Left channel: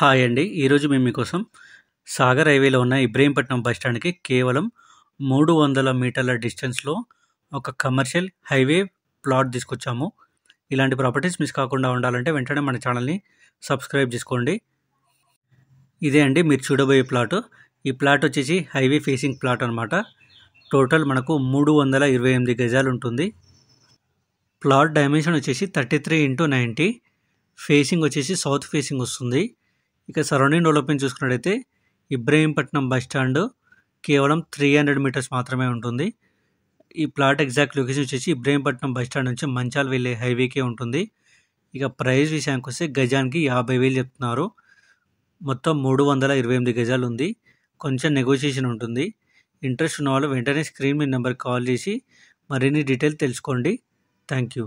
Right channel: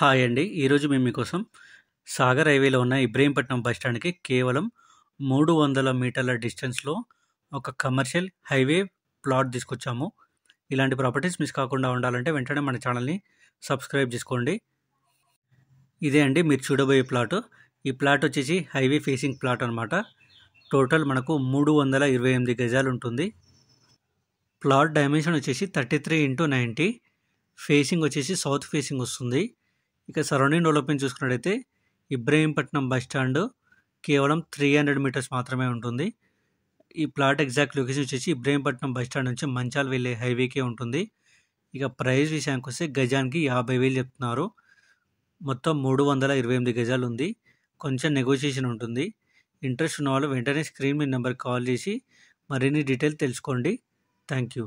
Hi అండి. ఈరోజు మేము మీకోసం సాగర్ హైవేలో ఉన్న ఇబ్రహీంపట్నం బస్ స్టాండ్‌కి కేవలం 300 మీటర్ల డిస్టెన్స్‌లో ఒక కమర్షియల్ హైవే ప్లాట్ తీసుకొచ్చాము. ఇలాంటి ప్రాపర్టీస్ మిస్ కాకుండా ఉండాలంటే వెంటనే మన ఛానల్‌ని సబ్స్క్రైబ్ చేసుకోండి. ఇదే అండి మీరు చూడబోయే ప్లాట్. ఈ ప్లాట్ వచ్చేసి హైవే ఫేసింగ్ ప్లాట్ అనమాట. టోటల్ మనకు 328 గజాలు ఉంటుంది. ప్లాట్ డైమెన్షన్ వచ్చేసి 33x90. ఫేసింగ్ వచ్చేసి సౌత్ ఫేసింగ్ వస్తుంది. ఇక సరౌండింగ్ డెవలప్మెంట్ చూసుకున్నట్టయితే ఇబ్రహీంపట్నం బస్ స్టాండ్ కేవలం 300 మీటర్స్ మాత్రమే ఉంటుంది. ఈ ప్లాట్ ఎగ్జాక్ట్ లొకేషన్ వచ్చేసి ఇబ్రహీంపట్నం బస్ స్టాండ్ నుంచి మంచాల్ వెళ్ళే హైవేకే ఉంటుంది. ఇక ప్రైస్ విషయానికి వస్తే గజానికి 50,000 చెప్తున్నారు. మొత్తం 328 గజాలు ఉంది. కొంచెం నెగోషియేషన్ ఉంటుంది. ఇంట్రెస్ట్ ఉన్న వాళ్ళు వెంటనే స్క్రీన్ మీద నెంబర్కి కాల్ చేసి మరిన్ని డీటెయిల్ తెలుసుకోండి. Thank you.